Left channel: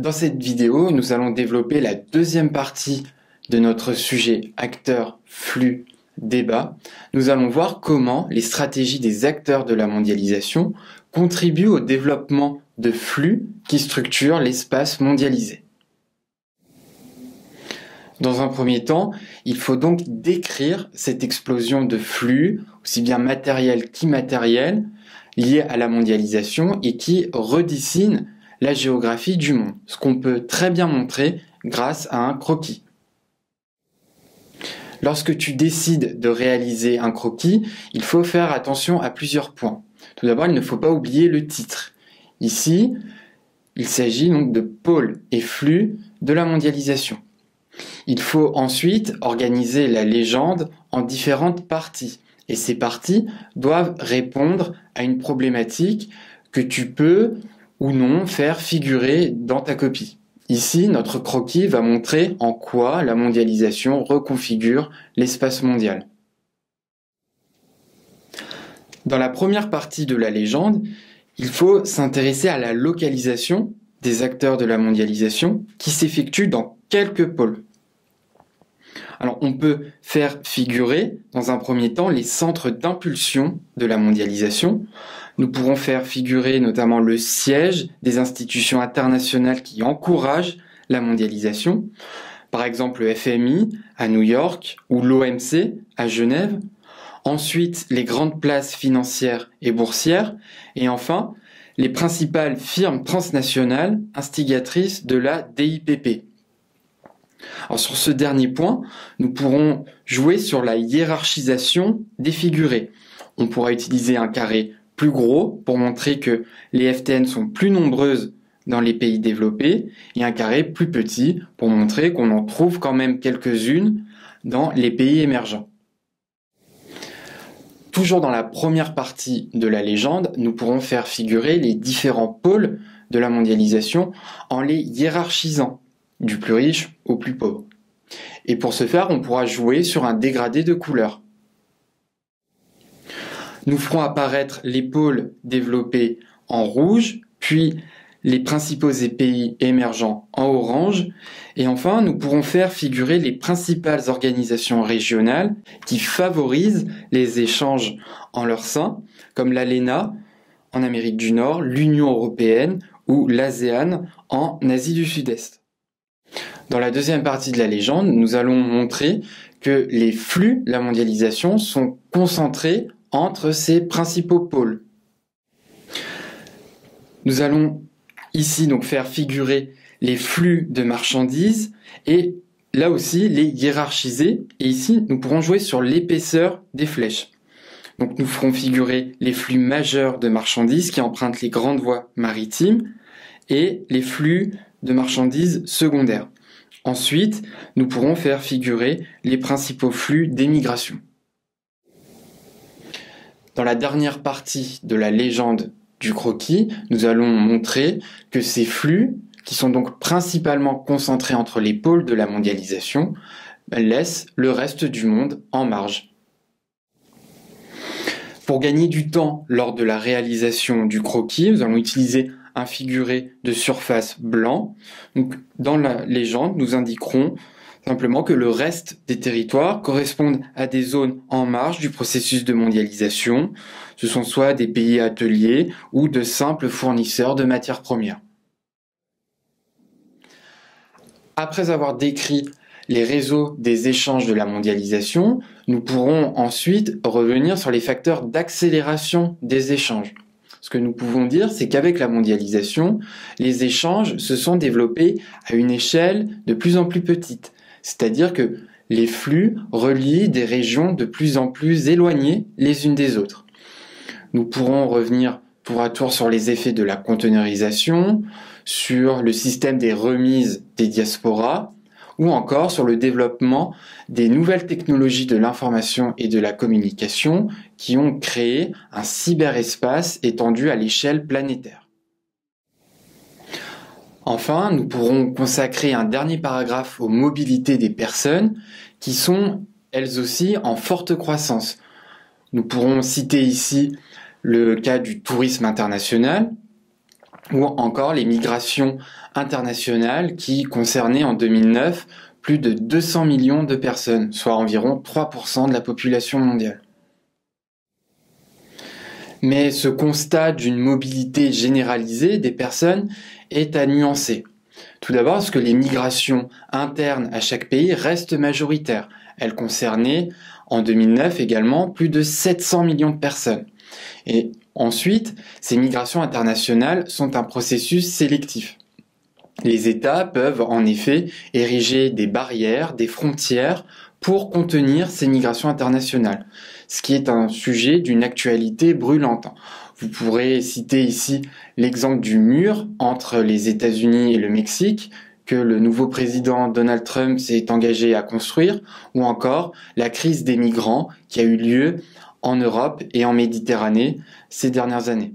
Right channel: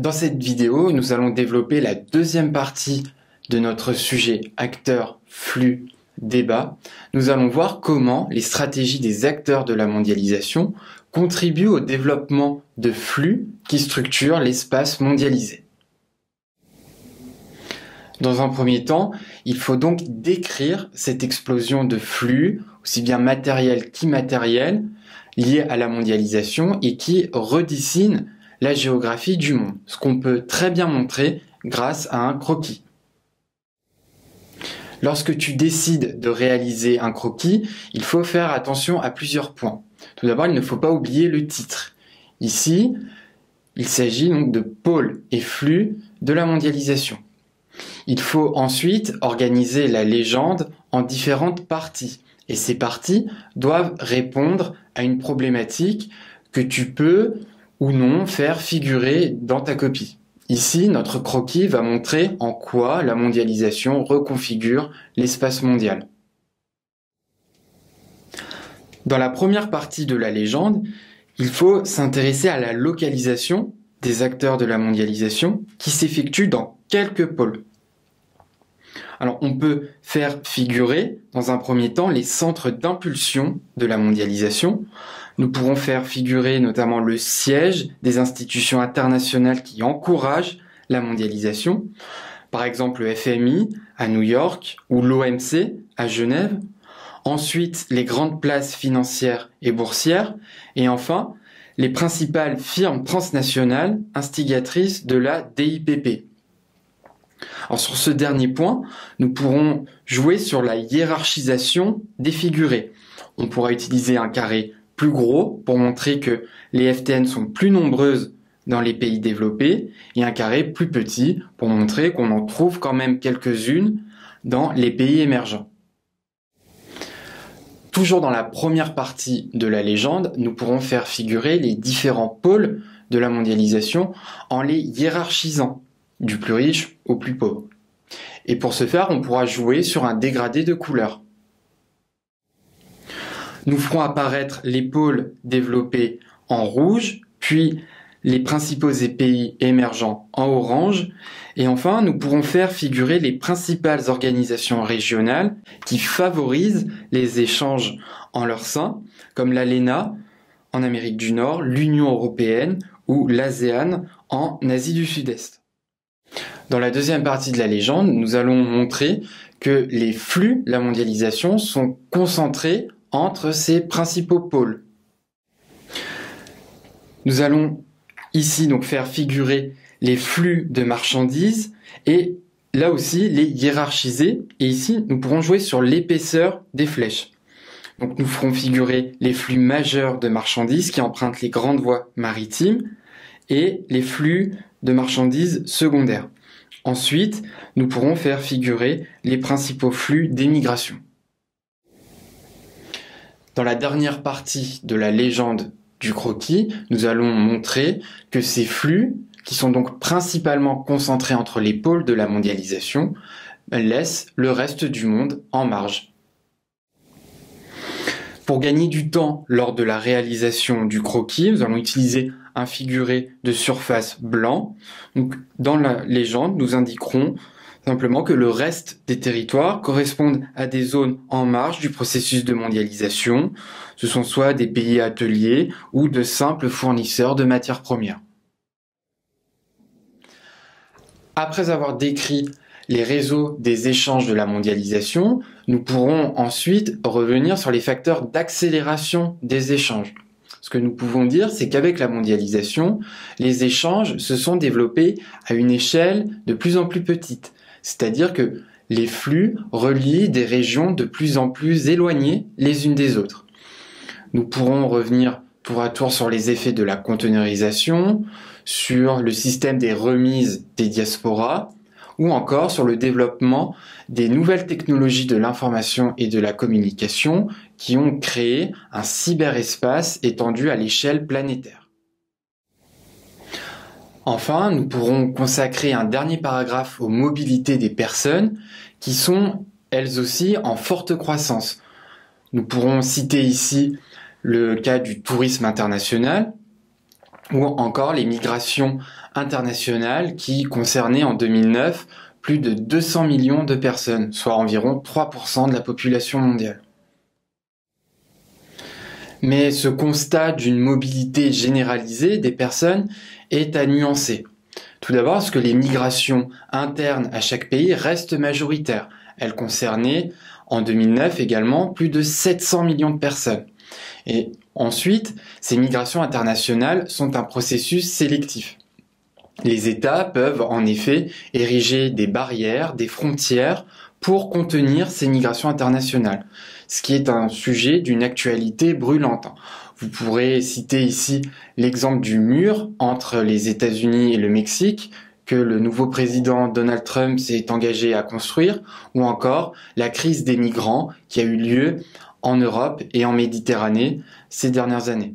Dans cette vidéo, nous allons développer la deuxième partie de notre sujet acteurs, flux, débat. Nous allons voir comment les stratégies des acteurs de la mondialisation contribuent au développement de flux qui structurent l'espace mondialisé. Dans un premier temps, il faut donc décrire cette explosion de flux, aussi bien matériels qu'immatériels, liés à la mondialisation et qui redessinent la géographie du monde, ce qu'on peut très bien montrer grâce à un croquis. Lorsque tu décides de réaliser un croquis, il faut faire attention à plusieurs points. Tout d'abord, il ne faut pas oublier le titre. Ici, il s'agit donc de pôles et flux de la mondialisation. Il faut ensuite organiser la légende en différentes parties. Et ces parties doivent répondre à une problématique que tu peux ou non faire figurer dans ta copie. Ici, notre croquis va montrer en quoi la mondialisation reconfigure l'espace mondial. Dans la première partie de la légende, il faut s'intéresser à la localisation des acteurs de la mondialisation qui s'effectue dans quelques pôles. Alors, on peut faire figurer, dans un premier temps, les centres d'impulsion de la mondialisation. Nous pourrons faire figurer notamment le siège des institutions internationales qui encouragent la mondialisation, par exemple le FMI à New York ou l'OMC à Genève. Ensuite, les grandes places financières et boursières. Et enfin, les principales firmes transnationales instigatrices de la DIPP. Alors sur ce dernier point, nous pourrons jouer sur la hiérarchisation des figurés. On pourra utiliser un carré plus gros pour montrer que les FTN sont plus nombreuses dans les pays développés et un carré plus petit pour montrer qu'on en trouve quand même quelques-unes dans les pays émergents. Toujours dans la première partie de la légende, nous pourrons faire figurer les différents pôles de la mondialisation en les hiérarchisant, du plus riche au plus pauvre. Et pour ce faire, on pourra jouer sur un dégradé de couleurs. Nous ferons apparaître les pôles développés en rouge, puis les principaux pays émergents en orange, et enfin nous pourrons faire figurer les principales organisations régionales qui favorisent les échanges en leur sein, comme l'ALENA en Amérique du Nord, l'Union européenne ou l'ASEAN en Asie du Sud-Est. Dans la deuxième partie de la légende, nous allons montrer que les flux de la mondialisation sont concentrés entre ces principaux pôles. Nous allons ici donc faire figurer les flux de marchandises et là aussi les hiérarchiser. Et ici, nous pourrons jouer sur l'épaisseur des flèches. Donc nous ferons figurer les flux majeurs de marchandises qui empruntent les grandes voies maritimes et les flux de marchandises secondaires. Ensuite, nous pourrons faire figurer les principaux flux d'émigration. Dans la dernière partie de la légende du croquis, nous allons montrer que ces flux, qui sont donc principalement concentrés entre les pôles de la mondialisation, laissent le reste du monde en marge. Pour gagner du temps lors de la réalisation du croquis, nous allons utiliser un figuré de surface blanc. Donc, dans la légende, nous indiquerons simplement que le reste des territoires correspondent à des zones en marge du processus de mondialisation. Ce sont soit des pays ateliers ou de simples fournisseurs de matières premières. Après avoir décrit les réseaux des échanges de la mondialisation, nous pourrons ensuite revenir sur les facteurs d'accélération des échanges. Ce que nous pouvons dire, c'est qu'avec la mondialisation, les échanges se sont développés à une échelle de plus en plus petite. C'est-à-dire que les flux relient des régions de plus en plus éloignées les unes des autres. Nous pourrons revenir tour à tour sur les effets de la conteneurisation, sur le système des remises des diasporas, ou encore sur le développement des nouvelles technologies de l'information et de la communication qui ont créé un cyberespace étendu à l'échelle planétaire. Enfin, nous pourrons consacrer un dernier paragraphe aux mobilités des personnes qui sont elles aussi en forte croissance. Nous pourrons citer ici le cas du tourisme international, ou encore les migrations internationales qui concernaient en 2009 plus de 200 millions de personnes, soit environ 3% de la population mondiale. Mais ce constat d'une mobilité généralisée des personnes est à nuancer. Tout d'abord parce que les migrations internes à chaque pays restent majoritaires. Elles concernaient en 2009 également plus de 700 millions de personnes. Et ensuite, ces migrations internationales sont un processus sélectif. Les États peuvent en effet ériger des barrières, des frontières pour contenir ces migrations internationales, ce qui est un sujet d'une actualité brûlante. Vous pourrez citer ici l'exemple du mur entre les États-Unis et le Mexique, que le nouveau président Donald Trump s'est engagé à construire, ou encore la crise des migrants qui a eu lieu en Europe et en Méditerranée ces dernières années.